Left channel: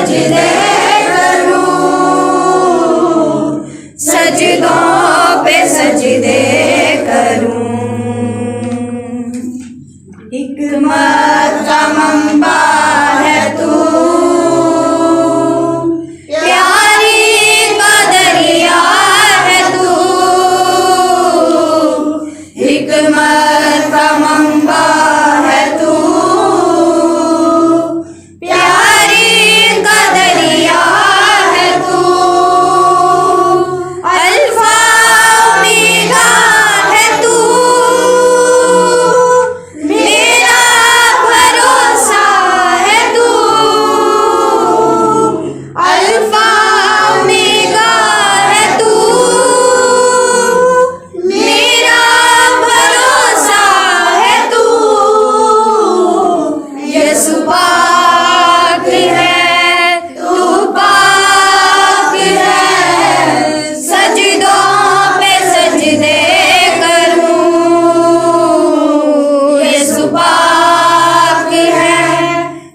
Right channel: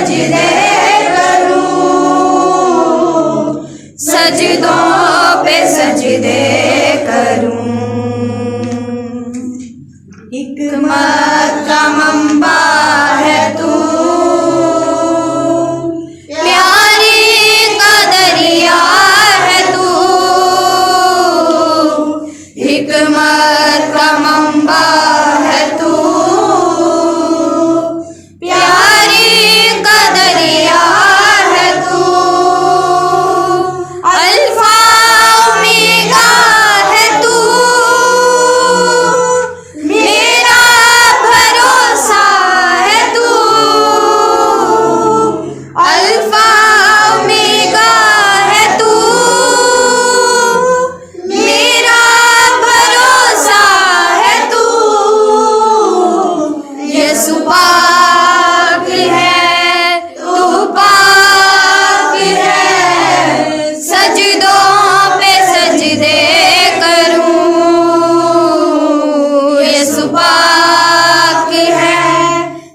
सजदे करूं, सजदों पे सजदे करूं। हिकमत का मंबा है तू, प्यारी का दरिया है तू। हिकमत का मंबा है तू, प्यारी का दरिया है तू। अल्फा ओमेगा है तू, मेरा भरोसा है तू। अल्फा ओमेगा है तू, मेरा भरोसा है तू। यीशु पाक है, तू पाक है, सजदों पे सजदे करूं। यीशु पाक है,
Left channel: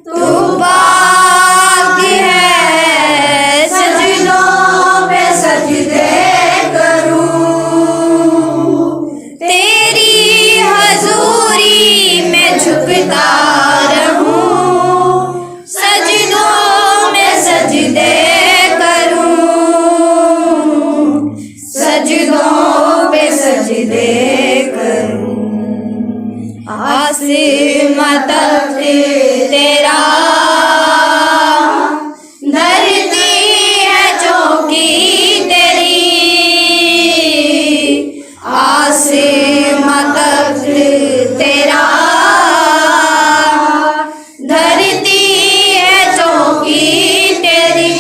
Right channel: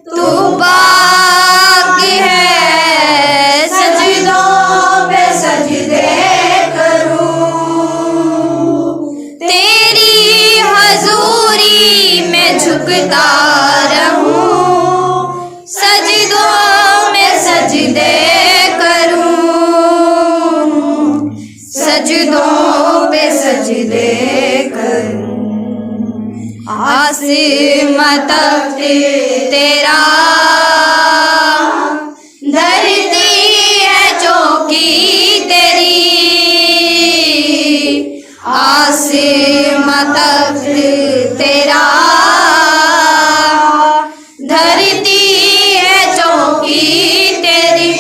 तू पाक है, सजदों पे सजदे करूं। तेरी हजूरी में झुकता रहूं, सजदों में सजदे करूं। सजदों पे सजदे करूं। आसमां तक तेरा, धरती है चौकी तेरी। आसमां तक तेरा, धरती है चौकी तेरी।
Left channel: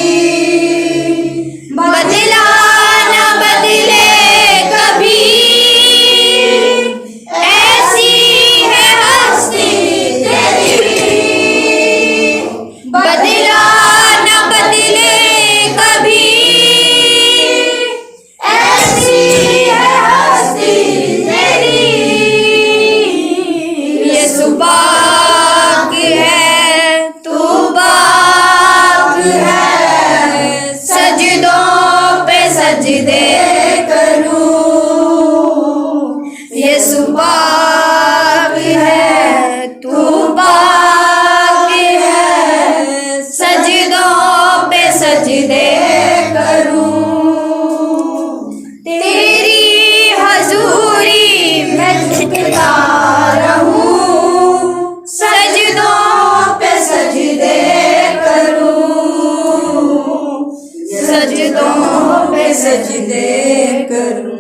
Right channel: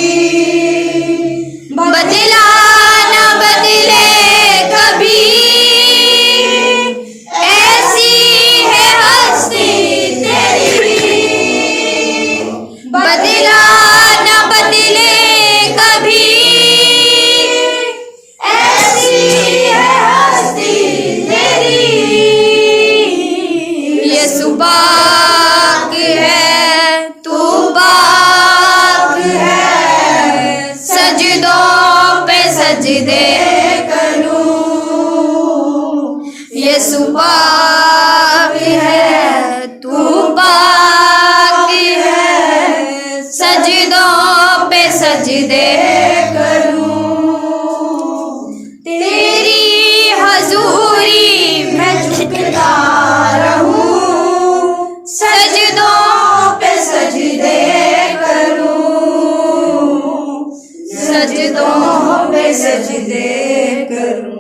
बदला न बदले कभी, ऐसी है हस्ती तेरी। बदला न बदले कभी, ऐसी है हस्ती तेरी। यीशु पाक है, तू पाक है, सजदों पे सजदे करूं। यीशु पाक है, तू पाक है, सजदों पे सजदे करूं। तेरी हजूरी में झुकता रहूं, सजदों पे सजदे करूं। सजदों पे सजदे करूं।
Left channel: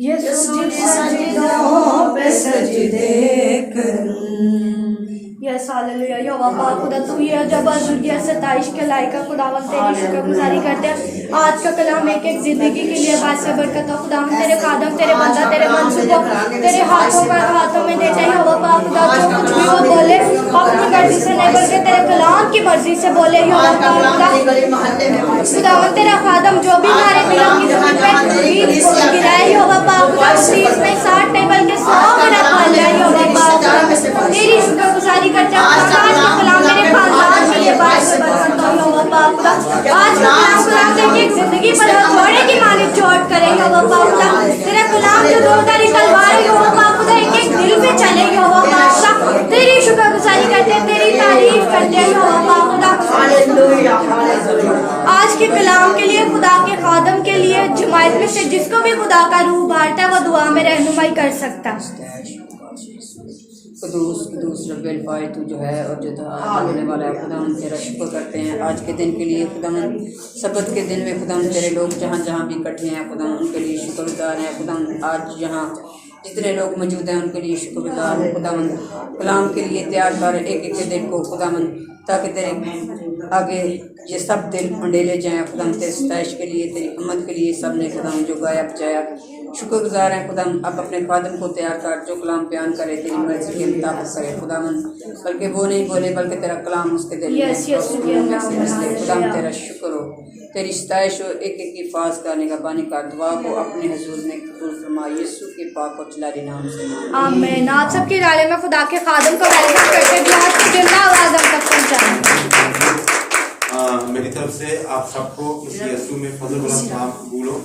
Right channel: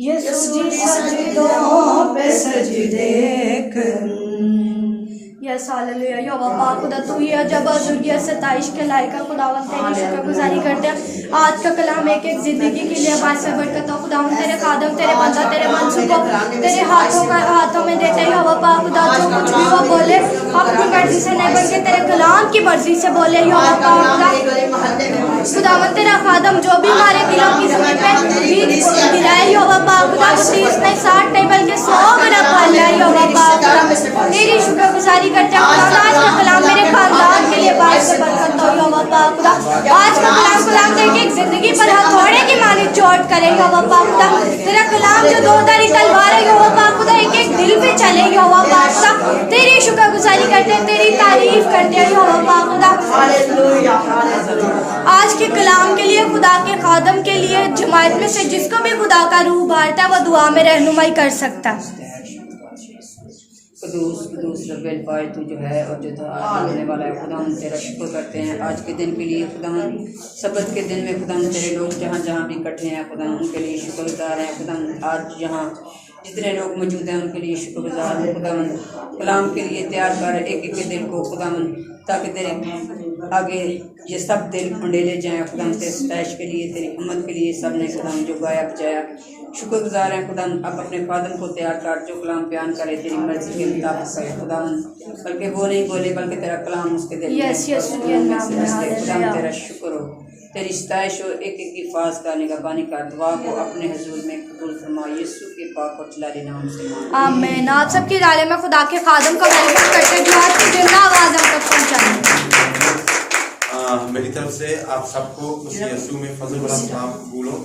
यीशु जी सजदों पे सजदे करूं। Yes hallelujah. यहोवा पाक खुदा तू ही है, जब दुनिया से ताइश के लायक है। खुदावन तेरी शुक्रगुजारी करते हैं आज का कलाम एक एक जिंदगी के लिए बादशाह बरकत हो। खुदावन तेरे खादम, तेरे बंदा, तेरे मंसूबों तेरे हाथों में देते हैं। यहोवा पाक खुदा जो कुछ भी वो बोले अपनी मर्जी से नहीं बल्कि तेरे कलाम की मर्जी से बोले। यहोवा पाक खुदावन तेरा खादम जो भी हमारे दिलों की गिराए। यहोवा पाक खुदा 30 में 60 नहीं बल्कि 100 मेरा पाल है। यहोवा पाक तेरी शुक्रगुजारी करते हैं। आज का कलाम मेरे खानदान के लिए बादशाह बरकत हो। यहोवा पाक खुदा आज का कलाम तेरी एक जिंदगी पर हथौड़े की मानी चोट करे। यहोवा पाक खुदा तेरा कलाम जो दोधारी तलवार है। यहोवा पाक खुदा एक एक दिल पे चले। यहोवा पाक खुदा तेरी शुक्रगुजारी करते हैं, तेरी तारीफ करते हैं। यहोवा पाक खुदा आज के कलाम के लिए, खुदा के खादम के लिए, जमात में से जिसको भी खुदा का रूह बांटता है वो दुआ में रहनुमाई कर सकता है। कुदूस कुदूस रब्बिल फाय तू जो है और जो देने वाला है। खुदा हम तेरा शुक्र करते हैं आज के दिन के लिए। खुदा हम सबत के दिन में खुदा हम तेरे लोग जहाँ जहाँ भी इकट्ठे हैं खुदा उनके लिए शुक्रगुजार हैं। खुदा आज यहाँ जितने लोग मौजूद हैं उनके लिए शुक्रगुजार हैं। खुदा कलाम के लिए तैयार कर एक एक दिल को खुदा ताकि तेरे आगे ये सब दिल मंडेले जाएँ। खुदा तेरे सताइश के लिए, तेरी हिम्मत के लिए सब ने खुदा जो गाया बजाया शुक्रगुजार हैं। खुदा अब अपने खादम को तैयार कर जो कलाम बयान करे तेरी मर्जी के मुताबिक करे। खुदा बल्कि वो नहीं बोले बल्कि तेरा कलाम उसके दिल में से खुदा तेरा शुक्र हो, तेरी सताइश हो। एक एक की फाज का निगहबानी का दुआ को अपने हुजूर में कबूल फरमा यीशु के पाक और जलाली नाम से आमीन। आप सबके इदारे में खुदा के खादम का वेलकम करते हुए आज की जिंदा आवाज़ हम तक पहुँचाएं। मेरी तरफ से आप सबको मसीह यीशु में फजल भरा सलाम कबूल हो।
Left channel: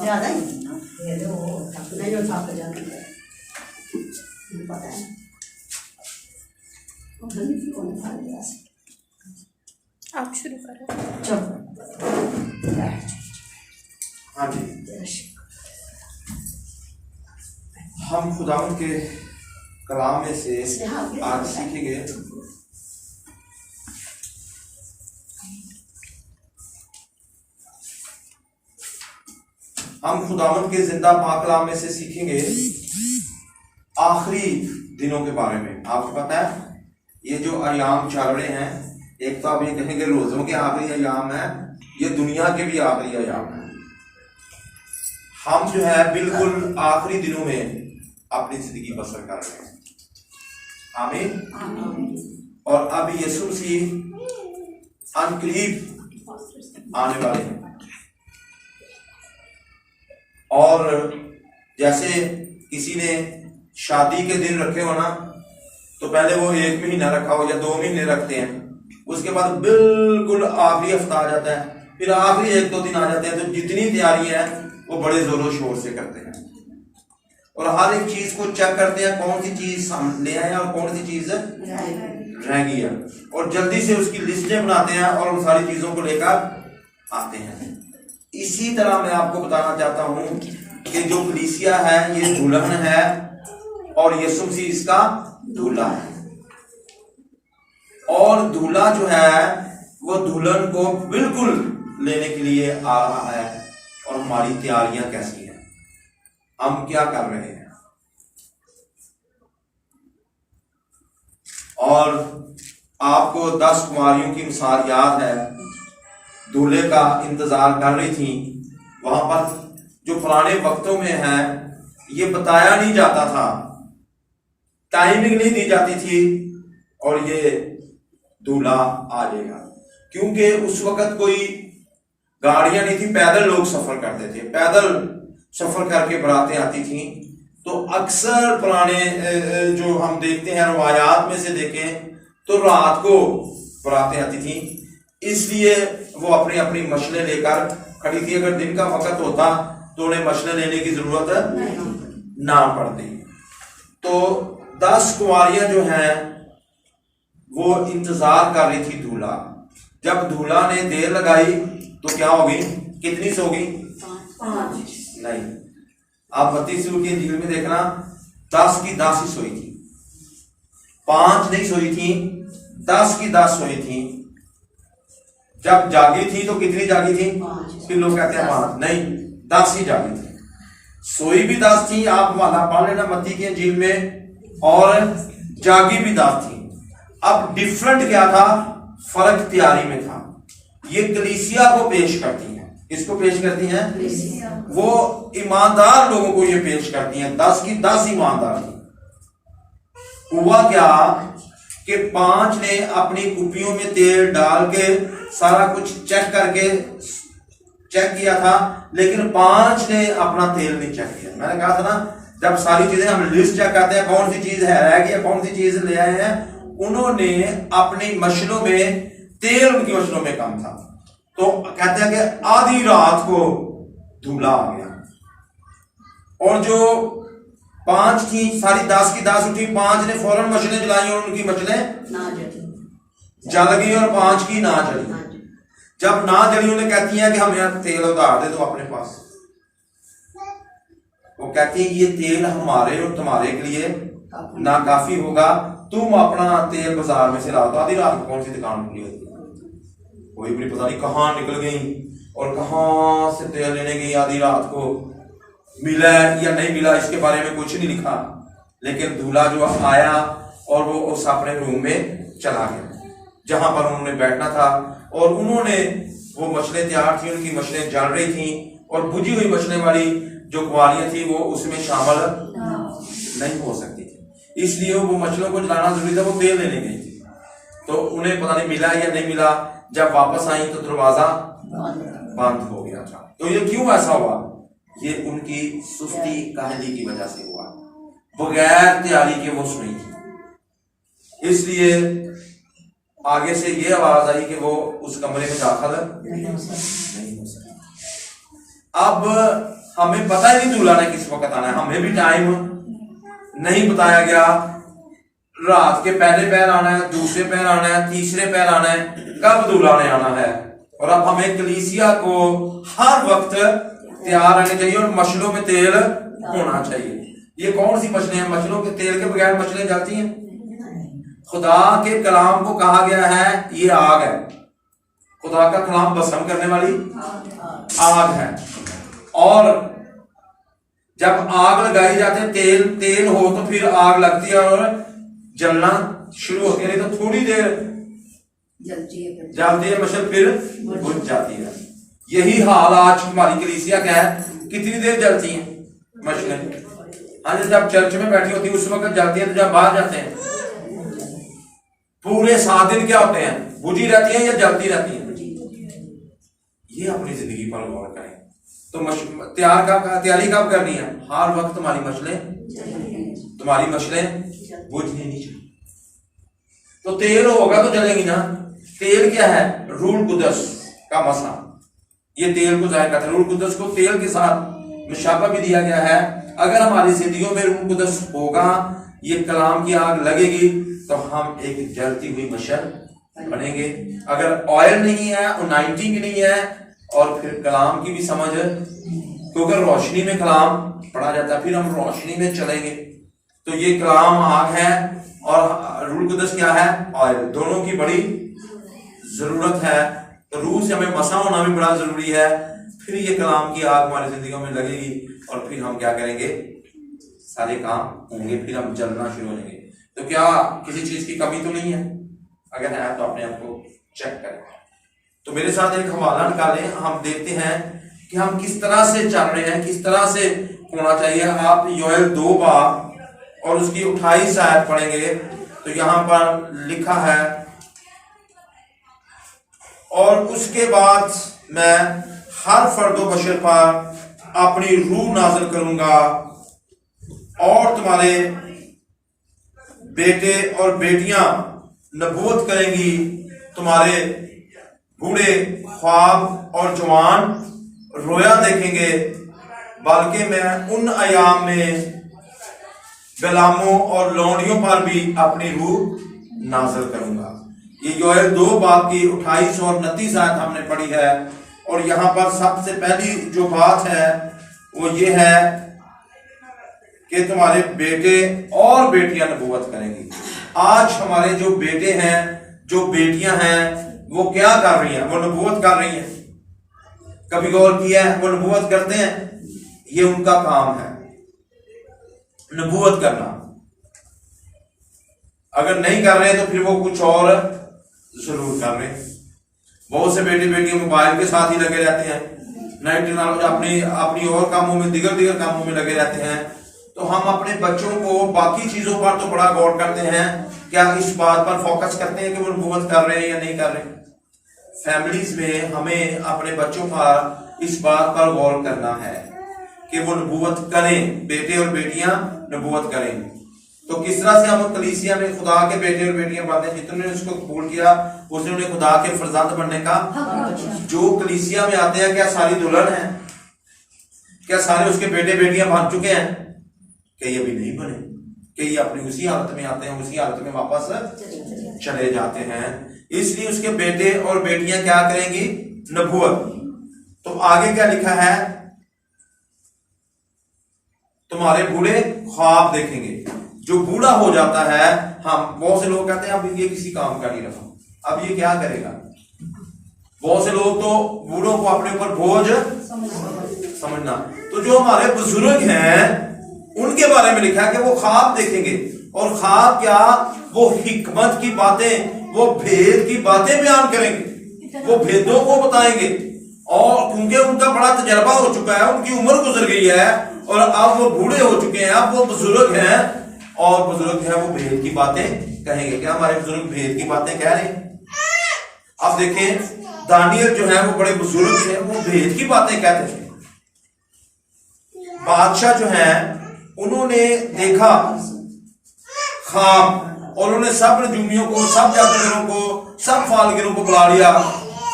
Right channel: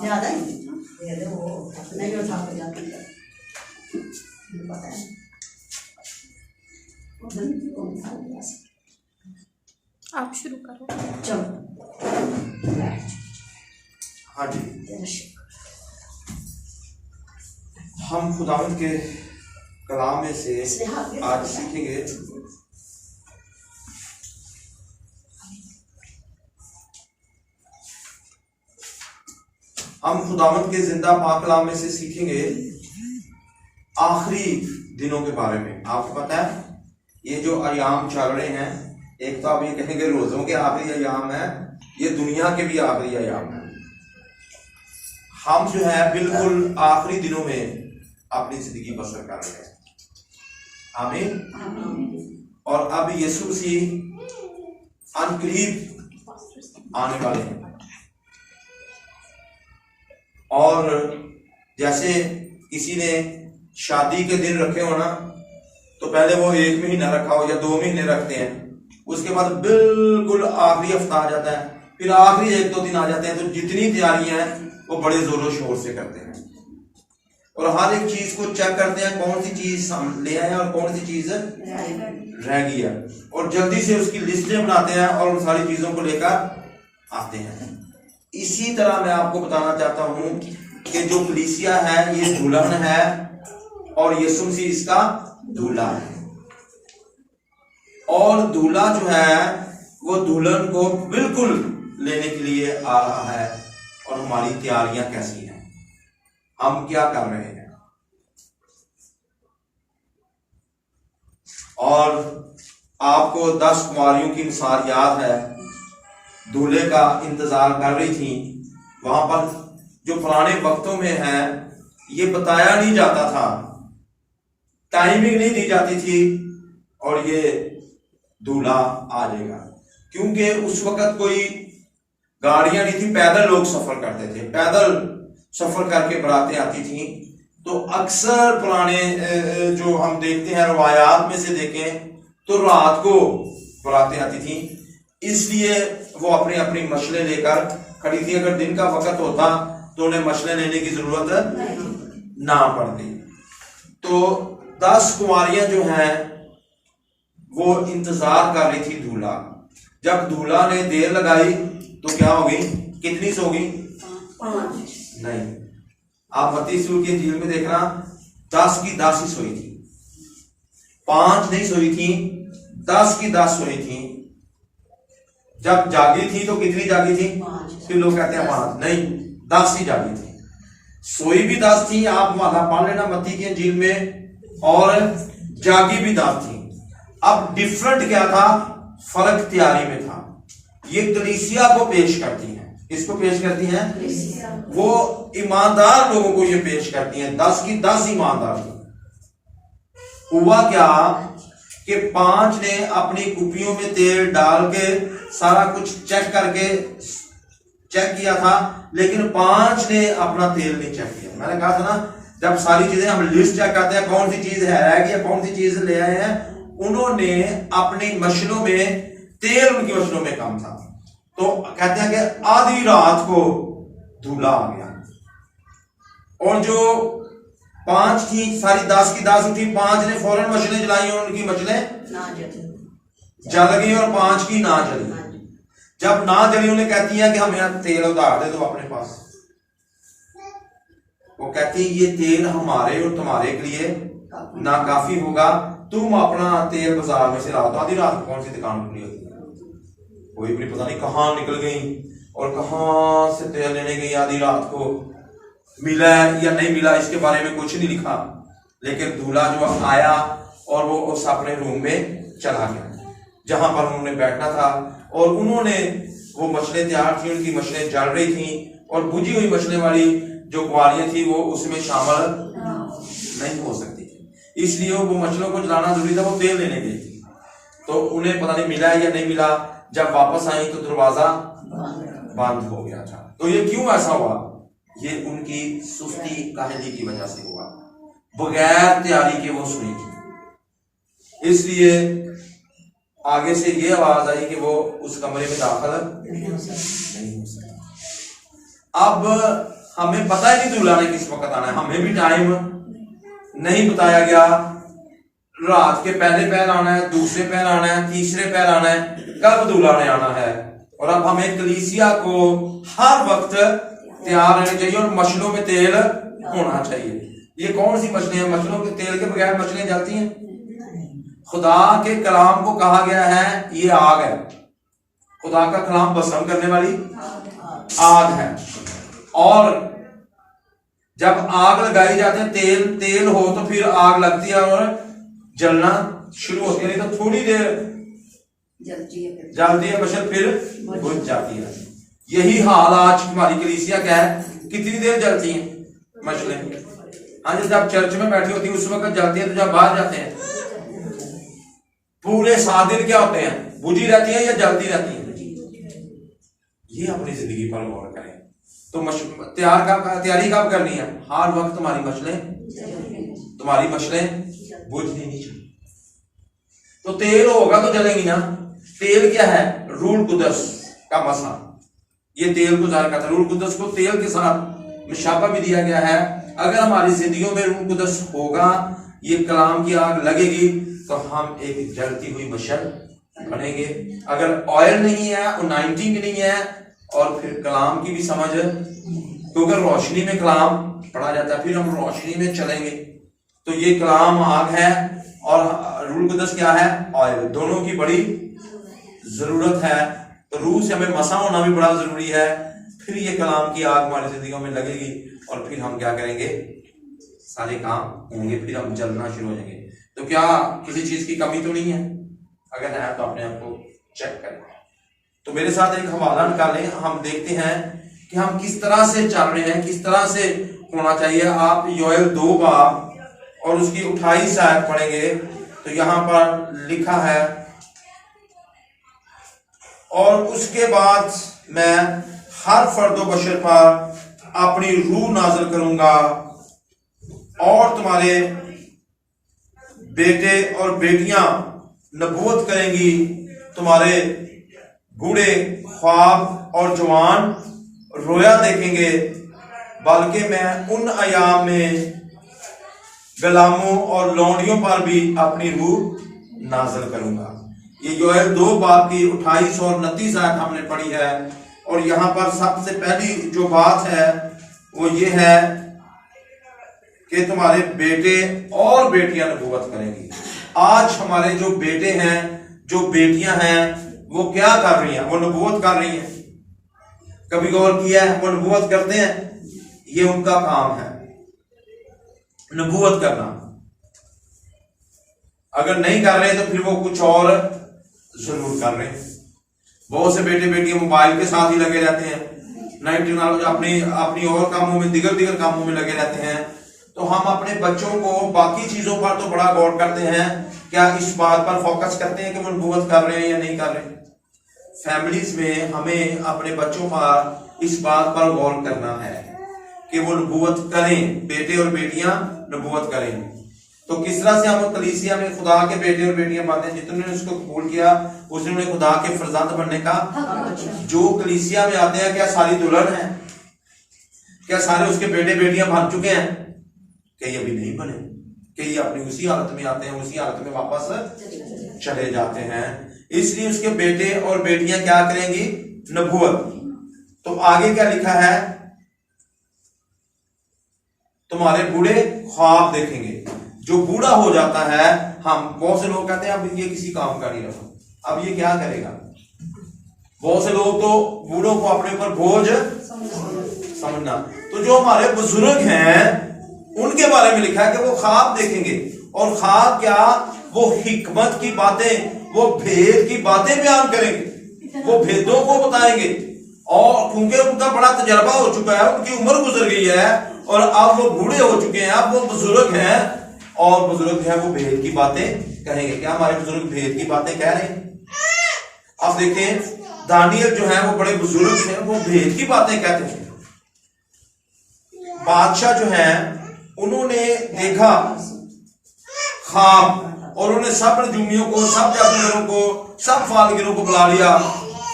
ज्यादा ही नहीं हो थक जाती है, पता है। आप शुरू करो। चलो हाँ जी, हम खुदावंद के कलाम में से आज सीखेंगे हम खुदावंद के जिंदा पाक कलाम में से सीखेंगे आखिरी दिनों के बारे में। आपको पता है ये जो अयाम चल रहे हैं, एक तो आप ये कहेंगे रोजों के आखिरी अयाम है, ये दुनिया के भी आखिरी अयाम है। हम जो है बिल्कुल आखिरी दिनों में अपनी जिंदगी बसर कर रहे हैं। आमीन। और अब यीशु मसीह अनकरीब आने वाले हैं, और जैसे किसी ने शादी के दिन रखे हो ना, तो पहले वो 1 महीना रखा हो या 2 महीने रखते हैं, उसके बाद बिल्कुल आखिरी हफ्ता आ जाता है, फिर आखिरी 1-2 दिन आ जाते हैं, तो जितनी तैयारियां हैं वो बड़े जोरों शोर से करते हैं और हर एक चीज को चेक करते हैं, कौन सी चीज हम ले आए और कौन सी चीज रह गई है, और जल्दी से उसकी लिस्टें बनाते हैं और उन सारी चीजों को लेकर आते हैं। इसी तरह मैं आपको बताना चाहता हूं कि जो कलीसिया है ये दुल्हन है और यीशु मसीह इसका दूल्हा है, और दूल्हा जो है वो दुल्हन को बिल्कुल लेने के लिए आ रहा है। और हमारी तैयारियां कैसी हैं, हम क्या कर रहे हैं। और आपको 10 कुमारियों की मिसाल याद है, दूल्हे का इंतजार कर रही थी। वहां पर जो पुराने वक्तों में है ये बताया नहीं जाता था, टाइमिंग नहीं दी जाती थी और ये दूल्हा आ जाएगा, क्योंकि उस वक्त कोई गाड़ियां नहीं थी, पैदल लोग सफर करते थे, पैदल सफर करके बरातें आती थी। तो अक्सर पुराने जो हम देखते हैं रवायात में से देखें तो रात को बरातें आती थी, इसलिए वो अपनी अपनी मशलें लेकर खड़ी थी। अगर दिन का वक्त होता तो उन्हें मशलें लेने की जरूरत ना पड़ती। तो 10 कुमारियां जो हैं वो इंतजार कर रही थी दूल्हा। जब दूल्हा ने देर लगाई तो क्या होगी, कितनी सोगी? 5 नहीं, आप मत्ती रसूल की इंजील में देखना 10 की 10 ही सोई थी, 5 नहीं सोई थी, 10 की 10 सोई थी। जब जागी थी तो कितनी जागी थी? 5। फिर लोग कहते हैं 5 नहीं, 10 ही जागी थी, सोई भी 10 थी। आप वाला पढ़ लेना मत्ती की इंजील में, और जागी भी 10 थी। अब डिफरेंट क्या था, फर्क तैयारी में था। ये कलीसिया को पेश करती हैं, किसको पेश करती हैं? वो ईमानदार लोगों को ये पेश करती हैं। 10 की 10 ईमानदार थी। हुआ क्या कि 5 ने अपनी कुपियों में तेल डाल के सारा कुछ चेक किया था, लेकिन 5 ने अपना तेल नहीं चेक किया। मैंने कहा था ना, जब सारी चीजें हम लिस्ट चेक करते हैं, कौन सी चीज है रह गई, कौन सी चीज ले आए हैं, उन्होंने अपनी मशलों में तेल, उनकी मशलों में कम था। तो कहते हैं कि आधी रात को दूल्हा आ गया, और जो 5 थी सारी 10 की 10 उठी, 5 ने फौरन मशलें जलाई और उनकी मशलें जल गई और 5 की ना जली। जब ना जली उन्हें कहती हैं कि हमें तेल उतार दे दो अपने पास। वो कहती है ये तेल हमारे और तुम्हारे के लिए ना काफी होगा, तुम अपना तेल बाजार में से ला दो। आधी रात को कौन सी दुकान खुली होती है, कोई भी पता नहीं कहां निकल गई और कहां से तेल लेने गई। आधी रात को मिला या नहीं मिला इसके बारे में कुछ नहीं लिखा, लेकिन दूल्हा जो आया और वो उस अपने रूम में चला गया जहां पर उन्होंने बैठना था, और उन्होंने वो मछलें तैयार थी, उनकी मछलें जल रही थी, और बुझी हुई मछलें वाली जो कुंवारियां थी वो उसमें शामिल नहीं हो सकती थी, इसलिए वो मछलों को जलाना जरूरी था। वो तेल लेने गई थी, तो उन्हें पता नहीं मिला या नहीं मिला। जब वापस आई तो दरवाजा बंद हो गया था। तो ये क्यों ऐसा हुआ? ये उनकी सुस्ती काहली की वजह से हुआ। बगैर तैयारी के वो सुनी। इसलिए आगे से ये आवाज आई कि वो उस कमरे में दाखिल नहीं हो सकता। अब हमें पता ही नहीं दूल्हा ने किस वक्त आना है, हमें भी टाइम नहीं बताया गया। रात के पहले पहर आना है, दूसरे पहर आना है, तीसरे पहर आना है, कब दूल्हा ने आना है। और अब हमें कलीसिया को हर वक्त तैयार रहना चाहिए और मछलों में तेल होना चाहिए। ये कौन सी मछलियां हैं? मछलों के तेल के बगैर मछलियां जलती हैं? खुदा के कलाम को कहा गया है ये आग है। खुदा का कलाम भस्म करने वाली आग है। और जब आग लगाई जाती है, तेल हो तो फिर आग लगती है और जलना शुरू होती है। नहीं तो थोड़ी देर जलती है मछल, फिर बुझ जाती है। यही हाल आज हमारी कलीसिया क्या है, कितनी देर जलती है मछलें। हाँ, जब चर्च में बैठी होती है उस वक्त जलती है, तो जब बाहर जाते हैं पूरे 7 दिन क्या होते हैं, बुझी रहती है या जलती रहती है। ये अपनी जिंदगी पर गौर करें। तो तैयारी कब करनी है? हर वक्त तुम्हारी मछलें बुझनी नहीं चाहिए। तो तेल होगा तो जलेंगी ना। तेल क्या है? रूह कुदस का मसा। ये तेल को जाहिर करता है। रूह कुदस को तेल के साथ मुशाबा भी दिया गया है। अगर हमारी जिंदगियों में रूह कुदस होगा, ये कलाम की आग लगेगी, तो हम एक जलती हुई मशल बनेंगे। अगर ऑयल नहीं है, अनाइंटिंग नहीं है, और फिर कलाम की भी समझ, क्योंकि रोशनी में कलाम पढ़ा जाता है, फिर हम रोशनी में चलेंगे। तो ये कलाम आग है और रूह कुदस क्या है? ऑयल। दोनों की बड़ी जरूरत है। तो रूह से हमें मसा होना भी बड़ा जरूरी है। फिर ये कलाम की आग हमारी जिंदगी में लगेगी और फिर हम क्या करेंगे? सारे काम होंगे, फिर हम जलना शुरू हो जाएंगे। तो क्या किसी चीज की कमी तो नहीं है? अगर है तो अपने आप को चेक करें। तो मेरे साथ एक हवाला निकालें, हम देखते हैं कि हम किस तरह से चल रहे हैं, किस तरह से होना चाहिए। आप योएल 2 बाब और उसकी 28 आयत पढ़ेंगे तो यहां पर लिखा है, और उसके बाद मैं हर फर्दो बशर पर अपनी रूह नाज़िल करूंगा और तुम्हारे बेटे और बेटियां नबूवत करेंगी, तुम्हारे बूढ़े ख्वाब और जवान रोया देखेंगे, बल्कि मैं उन अयाम में गुलामों और लौंडियों पर भी अपनी रूह नाज़िल करूंगा। ये योएल 2 बाब की 28 और 29 आयत हमने पढ़ी है। और यहां पर सबसे पहली जो बात है वो ये है कि तुम्हारे बेटे और बेटियां नबूवत करेंगी। आज हमारे जो बेटे हैं, जो बेटियां हैं, वो क्या कर रही हैं? वो नबूवत कर रही हैं। कभी गौर किया है? वो नबूवत करते हैं, ये उनका काम है, नबूवत करना। अगर नहीं कर रहे तो फिर वो कुछ और जरूर कर रहे हैं। बहुत से बेटे बेटियां मोबाइल के साथ ही लगे रहते हैं, नई टेक्नोलॉजी अपनी और कामों में, दिगर कामों में लगे रहते हैं। तो हम अपने बच्चों को बाकी चीजों पर तो बड़ा गौर करते हैं, क्या इस बात पर फोकस करते हैं कि वो नबूवत कर रहे हैं या नहीं कर रहे हैं? फैमिलीज में हमें अपने बच्चों पर इस बात पर गौर करना है कि वो नबूवत करें, बेटे और बेटियां नबूवत करें। तो किस तरह से हम कलीसिया में खुदा के बेटे और बेटियां बनते हैं? जितने उसको कबूल किया उसने उन्हें खुदा के फरजंद बनने का। जो कलीसिया में आते हैं, क्या सारी दुल्हन है? क्या सारे उसके बेटे बेटियां बन चुके हैं? कई अभी नहीं बने, कई अपनी उसी हालत में आते हैं, उसी हालत में वापस चले जाते हैं। इसलिए उसके बेटे और बेटियां क्या करेंगी? नबूवत। तो आगे क्या लिखा है? तुम्हारे बूढ़े ख्वाब देखेंगे। जो बूढ़ा हो जाता है, हम बहुत से लोग कहते हैं अब ये किसी काम का नहीं रहा, अब ये क्या करेगा। बहुत से लोग तो बूढ़ों को अपने ऊपर बोझ समझना। तो जो हमारे बुजुर्ग हैं उनके बारे में लिखा है कि वो ख्वाब देखेंगे। और ख्वाब क्या? वो हिकमत की बातें, वो भेद की बातें बयान करेंगे, वो भेदों को बताएंगे। और क्योंकि उनका बड़ा तजर्बा हो चुका है, उनकी उम्र गुजर गई है और अब वो बूढ़े हो चुके हैं, अब वो बुजुर्ग हैं और बुजुर्ग है वो भेद की बातें कहेंगे। क्या हमारे बुजुर्ग भेद की बातें कह रहे हैं? अब देखें, दानियल जो है वो बड़े बुजुर्ग थे, वो भेद की बातें कहते थे। बादशाह जो है उन्होंने देखा ख्वाब, और उन्होंने सब नजूमियों को, सब जादूगरों को, सब फालगिरों को बुला लिया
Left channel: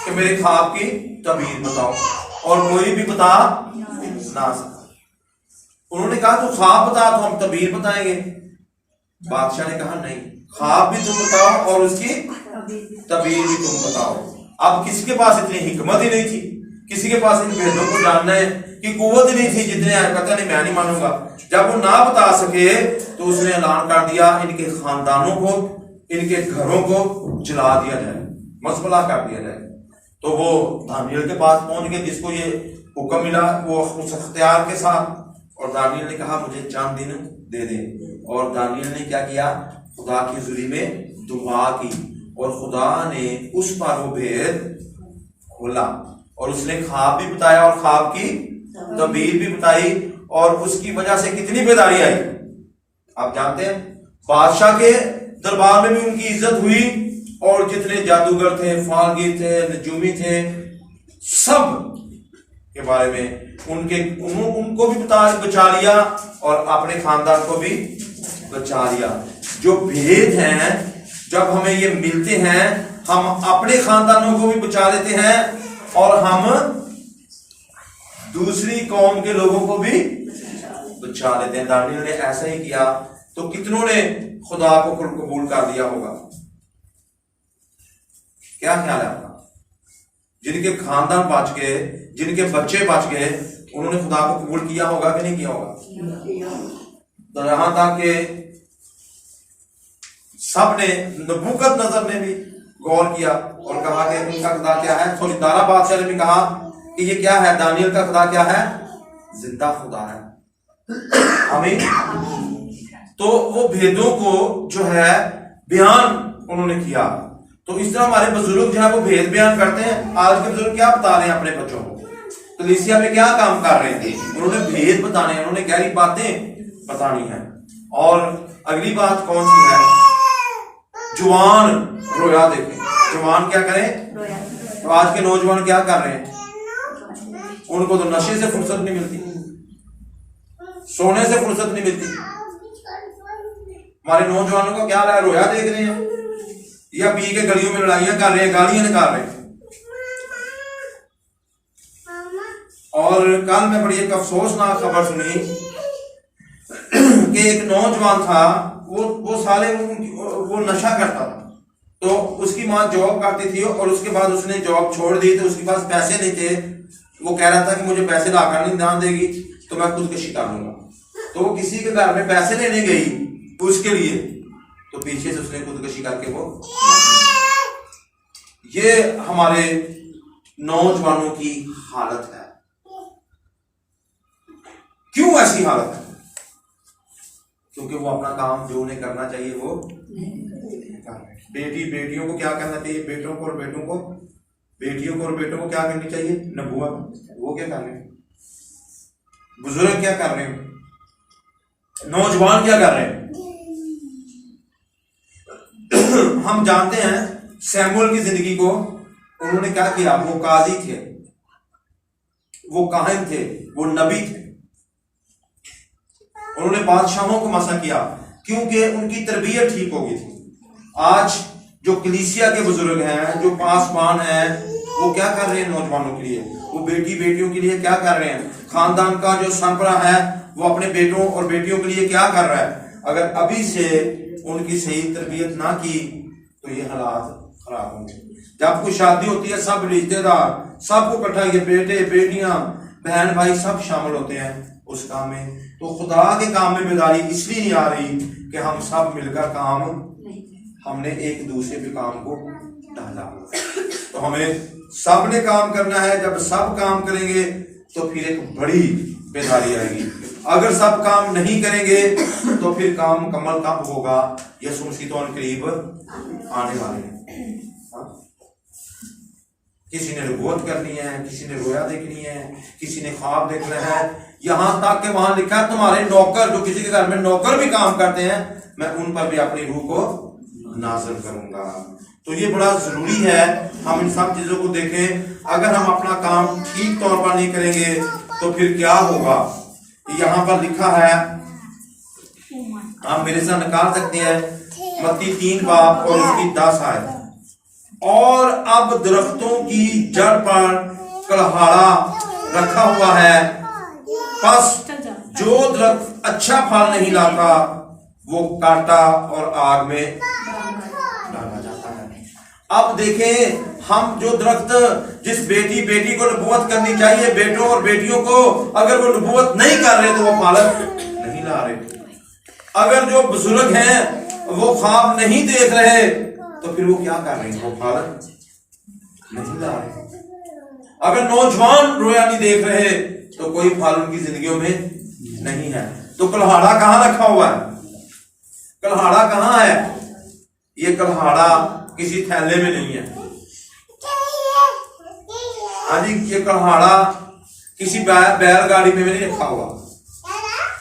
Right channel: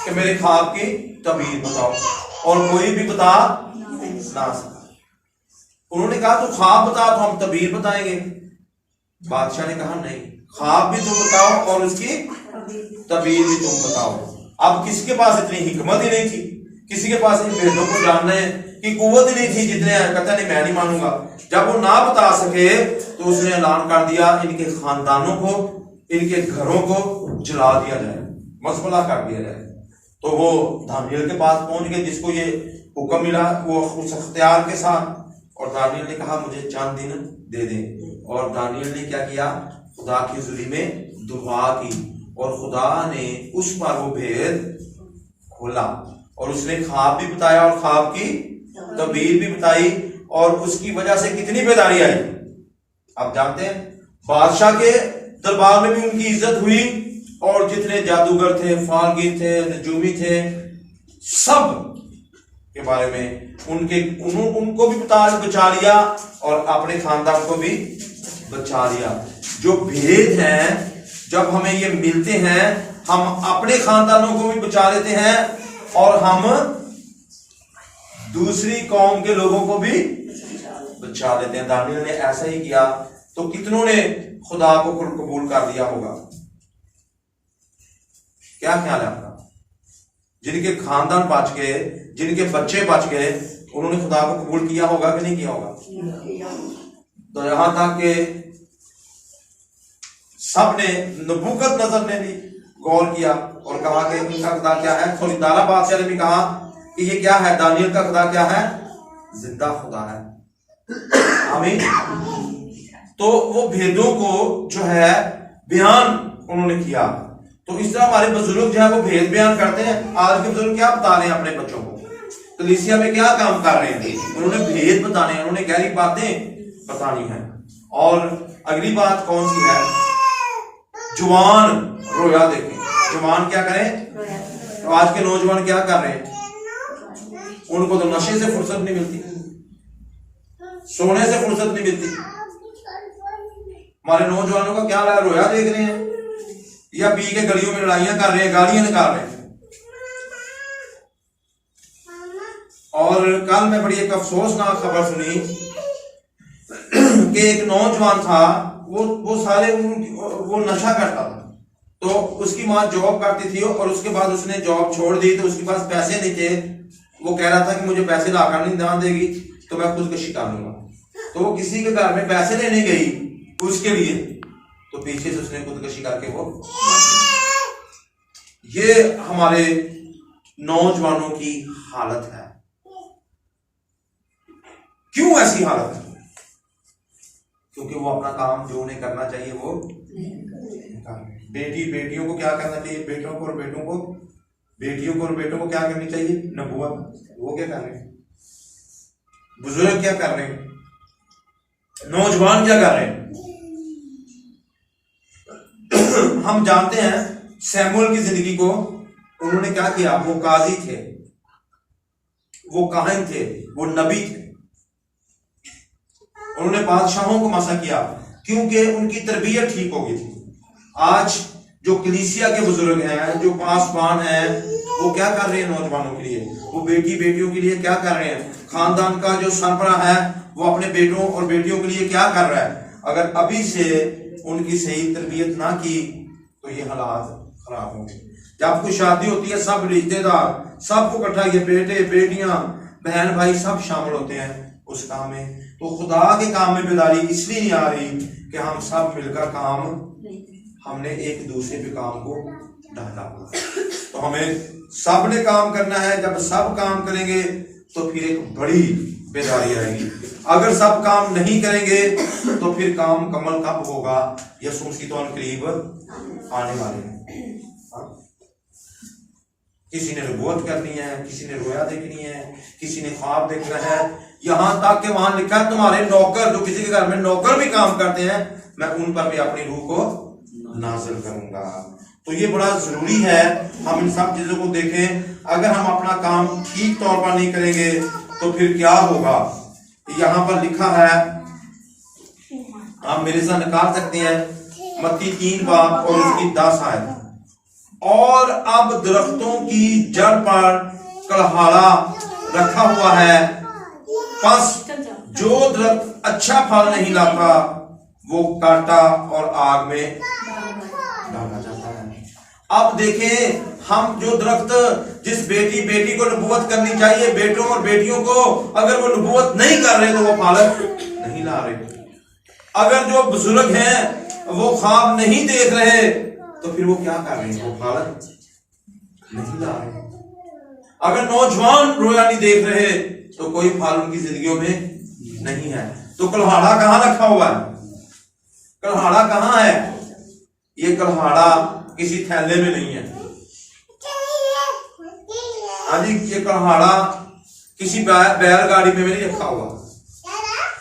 कि मेरे ख्वाब की तबीर बताओ, और कोई भी बता ना सका। उन्होंने कहा तो ख्वाब बता तो हम तबीर बताएंगे। बादशाह ने कहा नहीं, ख्वाब भी तुम बताओ और उसकी तबीर भी तुम बताओ। अब किसके पास इतनी हिकमत ही नहीं थी, किसी के पास इन भेदों को जानने की कुव्वत ही नहीं थी, जितने कहता नहीं मैं नहीं मानूंगा। जब वो ना बता सके तो उसने ऐलान कर दिया इनके खानदानों को, इनके घरों को जला दिया जाए, मसबला कर दिया जाए। तो वो दानियल के पास पहुंच गए, जिसको ये हुक्म मिला वो उस अख्तियार के साथ, और दानियल ने कहा मुझे चंद दिन दे दें। और दानियल ने क्या किया, खुदा की हुजूरी में दुआ की, और खुदा ने उस पर वो भेद खोला, और उसने ख्वाब भी बताया और ख्वाब की तबीर भी बताई, और उसकी वजह से कितनी बेदारी आई आप जानते हैं। बादशाह के दरबार में भी उनकी इज्जत हुई, और जितने जादूगर थे, फालगीर थे, नजूमी थे, सब के बारे में उनको भी बचा लिया, और अपने खानदान को भी बचा लिया। जो भेद हैं जब हमें ये मिलते हैं, हम अपने खानदानों को भी बचा लेते हैं, और हम दूसरी कौम के लोगों को भी बचा लेते हैं। दानियल ने ऐसा ही किया, तो कितनों ने खुदा को कबूल कर दिया होगा। क्या ख्याल है आपका? जिनके खानदान बच गए, जिनके बच्चे बच गए, उन्होंने खुदा को कबूल किया होगा कि नहीं किया होगा? तो यहां तक कि सबने, नबूकदनेस्सर ने भी गौर किया और कहा कि इनका खुदा क्या है। थोड़ी दारा बादशाह ने भी कहा कि ये क्या है, दानियल का खुदा क्या है, जिंदा खुदा है। आमीन। तो वो भेदों को जो है बयान उन्होंने किया। तो इस तरह हमारे बुजुर्ग जो है वो भेद बयान करते हैं। आज के बुजुर्ग क्या बता रहे हैं अपने बच्चों को, कलीसिया में क्या काम कर रहे थे, उन्होंने भेद बताने, उन्होंने गहरी बातें बतानी है। और अगली बात कौन सी है, जवान रोया देखें। जवान क्या करें? तो आज के नौजवान क्या कर रहे हैं, उनको तो नशे से फुर्सत नहीं मिलती, सोने से फुर्सत नहीं मिलती। हमारे नौजवानों का क्या है, रोया देख रहे हैं या पी के गलियों में लड़ाइयां कर रहे हैं, गालियां निकाल रहे हैं। और कल मैं बड़ी एक अफसोसनाक खबर सुनी कि एक नौजवान था, वो साले वो नशा करता था। तो उसकी माँ जॉब करती थी, और उसके बाद उसने जॉब छोड़ दी, तो उसके पास पैसे नहीं थे। वो कह रहा था कि मुझे पैसे लाकर नहीं ध्यान देगी तो मैं खुदकशी कर लूंगा। तो वो किसी के घर में पैसे लेने गई उसके लिए, तो पीछे से उसने खुदकशी करके वो। ये हमारे नौजवानों की हालत है। क्यों ऐसी हालत है? क्योंकि वो अपना काम जो उन्हें करना चाहिए वो बेटियों को क्या करना चाहिए, बेटियों को और बेटों को क्या करनी चाहिए, नबूवत। वो क्या कर रहे हैं, बुजुर्ग क्या कर रहे हैं, नौजवान क्या कर रहे हैं। हम जानते हैं सैमुअल की जिंदगी को, उन्होंने क्या किया, वो काजी थे, वो काहिन थे, वो नबी थे। उन्होंने बादशाहों को मसा किया क्योंकि उनकी तरबियत ठीक हो गई थी। आज जो कलीसिया के बुजुर्ग हैं, जो पासबान हैं, वो क्या कर रहे हैं नौजवानों के लिए, वो बेटियों के लिए क्या कर रहे हैं। खानदान का जो सरबराह है वो अपने बेटों और बेटियों के लिए क्या कर रहा है। अगर अभी से उनकी सही तरबियत ना की तो ये हालात खराब होंगे। जब कोई शादी होती है, सब रिश्तेदार सबको इकट्ठा, ये बेटे बेटियां बहन भाई सब शामिल होते हैं उस काम में। तो खुदा के काम में बेदारी इसलिए नहीं आ रही कि हम सब मिलकर काम, हमने एक दूसरे पे काम को डाला। तो हमें सब ने काम करना है। जब सब काम करेंगे तो फिर एक बड़ी बेदारी आएगी। अगर सब काम नहीं करेंगे तो फिर काम मुकम्मल कब होगा, यीशु मसीह तो करीब आने वाले हैं। किसी ने नबूवत करनी है, किसी ने रोया देखनी है, किसी ने ख्वाब देखना है, यहां तक कि वहां लिखा है तुम्हारे नौकर, जो किसी के घर में नौकर भी काम करते हैं, मैं उन पर भी अपनी रूह को नाज़िल करूंगा। तो ये बड़ा जरूरी है हम इन सब चीजों को देखें। अगर हम अपना काम ठीक तौर पर नहीं करेंगे तो फिर क्या होगा। यहाँ पर लिखा है आप मेरे साथ निकाल सकते हैं मत्ती 3 बाब और उसकी 10 आयत। और अब दरख्तों की जड़ पर कलहाड़ा रखा हुआ है, बस जो दरख्त अच्छा फल नहीं लाता वो काटा और आग में डाला जाता है। अब देखें, हम जो दरख्त जिस बेटी को नबूवत करनी चाहिए, बेटों और बेटियों को, अगर वो नबूवत नहीं कर रहे तो वो फल नहीं ला रहे। अगर जो बुजुर्ग हैं वो ख्वाब नहीं देख रहे तो फिर वो क्या कर रहे हैं, वो फल नहीं ला रहे। अगर नौजवान रोया नहीं देख रहे तो कोई फल उनकी जिंदगियों में नहीं है। तो कल्हाड़ा कहां रखा हुआ है? कल्हाड़ा कहां है? ये कल्हाड़ा किसी थैले में नहीं है। हाजी, ये कल्हाड़ा किसी बैलगाड़ी में नहीं रखा हुआ।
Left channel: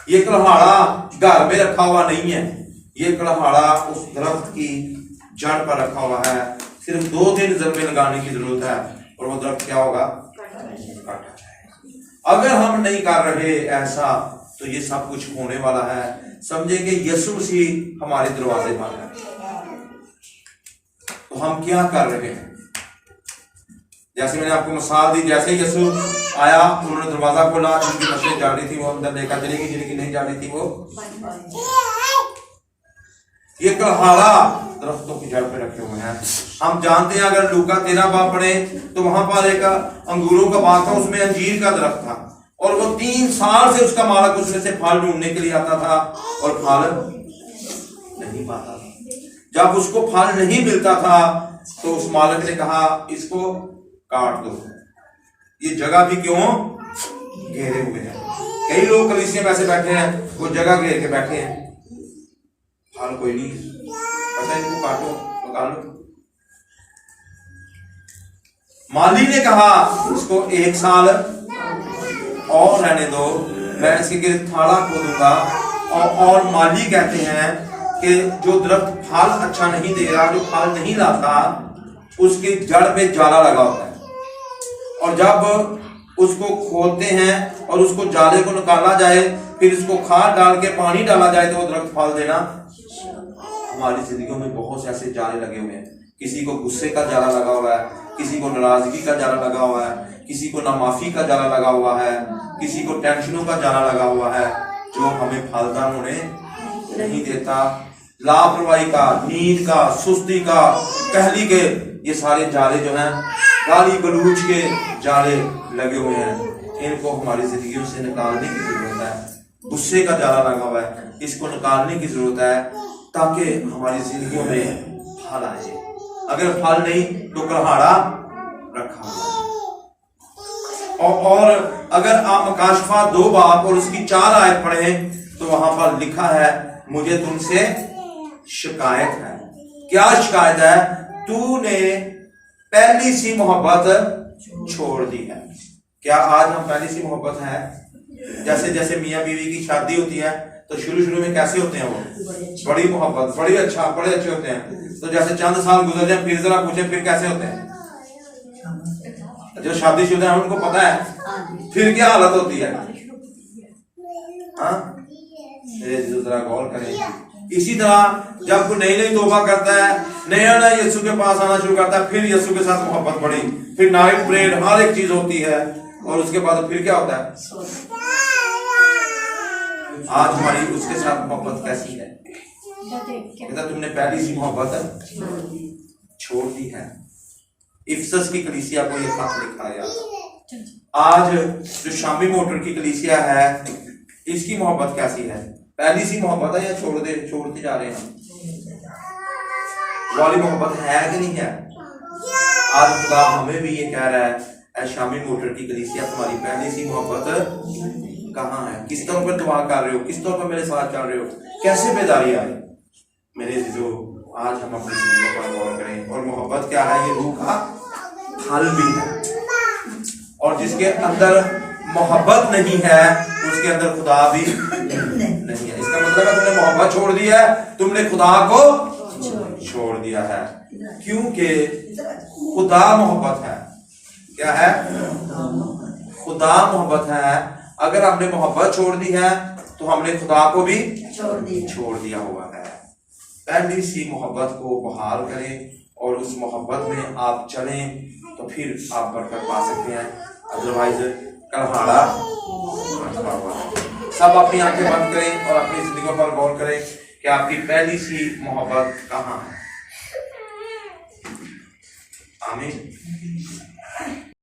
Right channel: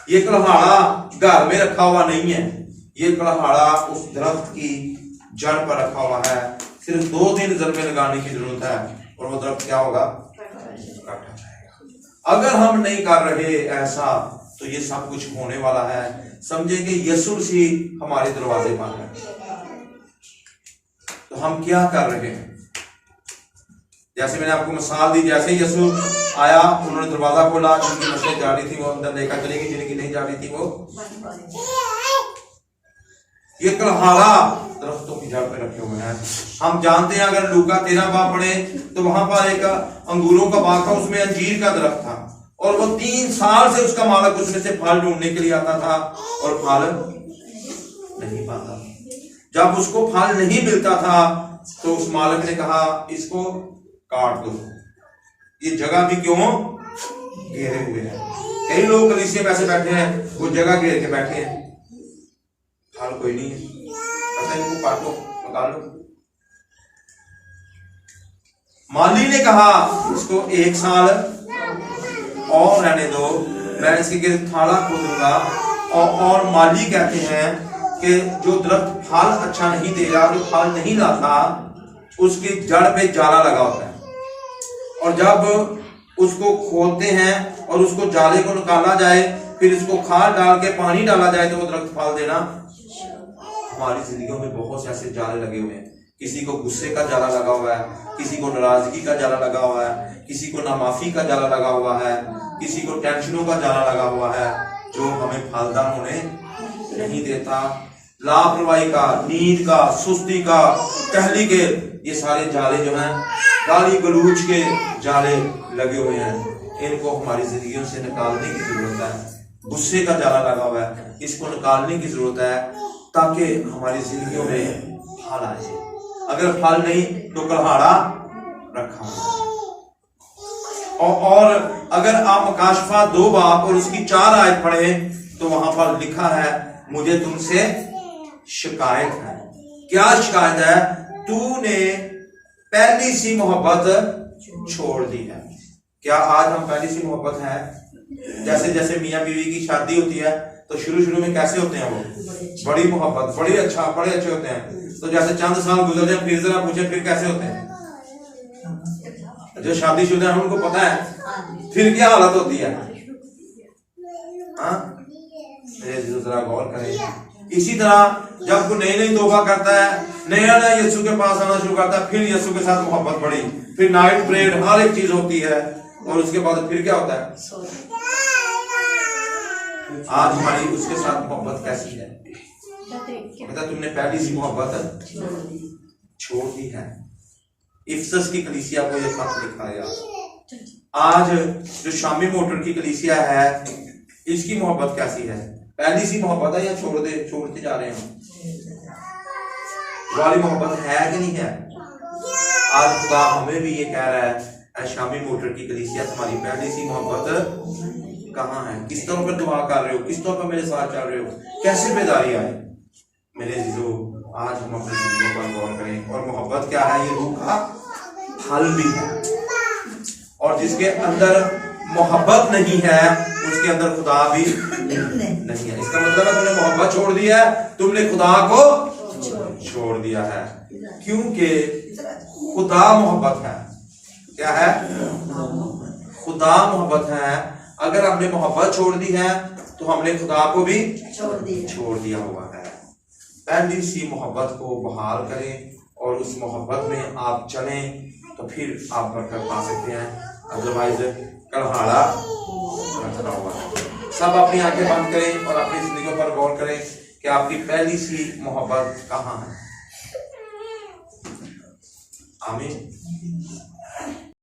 ये कल्हाड़ा घर में रखा हुआ नहीं है। ये कल्हाड़ा उस दरख्त की जड़ पर रखा हुआ है। सिर्फ 2 दिन जरबे लगाने की जरूरत है और वो दरख्त क्या होगा? काटा जाएगा। अगर हम नहीं कर रहे ऐसा तो ये सब कुछ होने वाला है। समझेंगे यीशु मसीह हमारे दरवाजे पर है, तो हम क्या कर रहे हैं? जैसे मैंने आपको मिसाल दी, जैसे ही यीशु आया उन्होंने दरवाजा खोला, जिनकी मछली जा रही थी वो अंदर लेकर चली गई, जिनकी नहीं जा रही थी वो। ये कल्हाड़ा दरख्तों की जड़ पे रखे हुए हैं। हम जानते हैं, अगर लूका 13 बाब पढ़े तो वहां पर एक अंगूरों का बाग था, उसमें अंजीर का दरख्त था और वो 3 साल से उसका मालिक उसमें से फल ढूंढने के लिए आता था और फल नहीं पाता। जब उसको फल नहीं मिलता था तो उस मालिक ने कहा इसको काट दो। ये जगह भी क्यों घेरे हुए हैं? कई लोग कलीसिया में ऐसे बैठे हैं, वो जगह घेर के बैठे हैं, फल कोई नहीं, अच्छा इनको काटो निकाल लो। माली ने कहा इसको 1 साल और रहने दो, मैं इसके गिर्द थाला खोदूंगा। और माली कहते हैं कि जो दरख्त फल अच्छा नहीं दे रहा, जो फल नहीं लाता, उसकी जड़ पे जाला लगा होता है और जब उसको खोदते हैं और उसको जाले को निकाला जाए, फिर उसको खाद डाल के पानी डाला जाए तो वो दरख्त फल देना। हमारी जिंदगियों में बहुत से ऐसे जाले लगे हुए हैं। किसी को गुस्से का जाला लगा हुआ है, किसी को नाराजगी का जाला लगा हुआ है, किसी को नामाफी का जाला लगा हुआ है, किसी को टेंशनों का जाला लगा हुआ है, जो हमें फलदार होने नहीं देता। लापरवाही का, नींद का, सुस्ती का, कहली के, ये सारे जाले जो हैं, गाली गलूच के जाले लगे हुए हैं। इनको हमारी जिंदगियों से निकालने की जरूरत है। गुस्से का जाला लगा हुआ है, इसको निकालने की जरूरत है ताकि हमारी जिंदगियों में फल आए। अगर फल नहीं तो कल्हाड़ा रखा हुआ। और अगर आप मकाशफा 2 बाब और उसकी 4 आयत पढ़े तो वहां पर लिखा है मुझे तुमसे शिकायत है। क्या शिकायत है? तूने पहली सी मोहब्बत छोड़ दी है। क्या आज हम पहली सी मोहब्बत है? जैसे जैसे मियाँ बीवी की शादी होती है तो शुरू में कैसे होते हैं? वो बड़ी मोहब्बत, बड़े अच्छे होते हैं। तो जैसे चंद साल गुजर जाए फिर जरा पूछे फिर कैसे होते हैं? जो शादीशुदा है उनको पता है फिर क्या हालत होती है। जरा गौर करें। इसी तरह जब कोई नई तौबा करता है, नया यीशु के पास आना शुरू करता है, फिर यीशु के साथ मोहब्बत बढ़ी, फिर नाइट प्रेयर, हर एक चीज होती है और उसके बाद फिर क्या होता है? आज हमारी उसके साथ मोहब्बत कैसी है? कहता तुमने पहली सी मोहब्बत छोड़ दी है। इफसस की कलीसिया को यह खत लिखा गया। आज जो शामी मोटर की कलीसिया है, इसकी मोहब्बत कैसी है? पहली सी मोहब्बत है या छोड़ते जा रहे हैं? वाली मोहब्बत है कि नहीं है? आज खुदा हमें भी ये कह रहा है, शामी मोटर की कलीसिया तुम्हारी पहली सी मोहब्बत कहाँ है? किस तौर पर दुआ कर रहे हो? किस तौर पर मेरे साथ चल रहे हो? कैसे बेदारी आए? मेरे जीजो, आज हम अपनी जिंदगी पर गौर करें। और मोहब्बत क्या है? ये रूह का फल भी है। और जिसके अंदर मोहब्बत नहीं है उसके अंदर खुदा भी नहीं है। इसका मतलब है तुमने मोहब्बत छोड़ दी है, तुमने खुदा को छोड़ दिया है। क्योंकि खुदा मोहब्बत है। क्या है? खुदा मोहब्बत है। अगर हमने मोहब्बत छोड़ दी है तो हमने खुदा को भी छोड़ दिया हुआ है। पहली सी मोहब्बत को बहाल करें और उस मोहब्बत में आप चलें तो फिर आप बरकत पा सकते हैं, अदरवाइज कलहाड़ा रखा हुआ है। सब अपनी आंखें बंद करें और अपनी जिंदगी पर गौर करें कि आपकी पहली सी मोहब्बत कहाँ है। आमीन।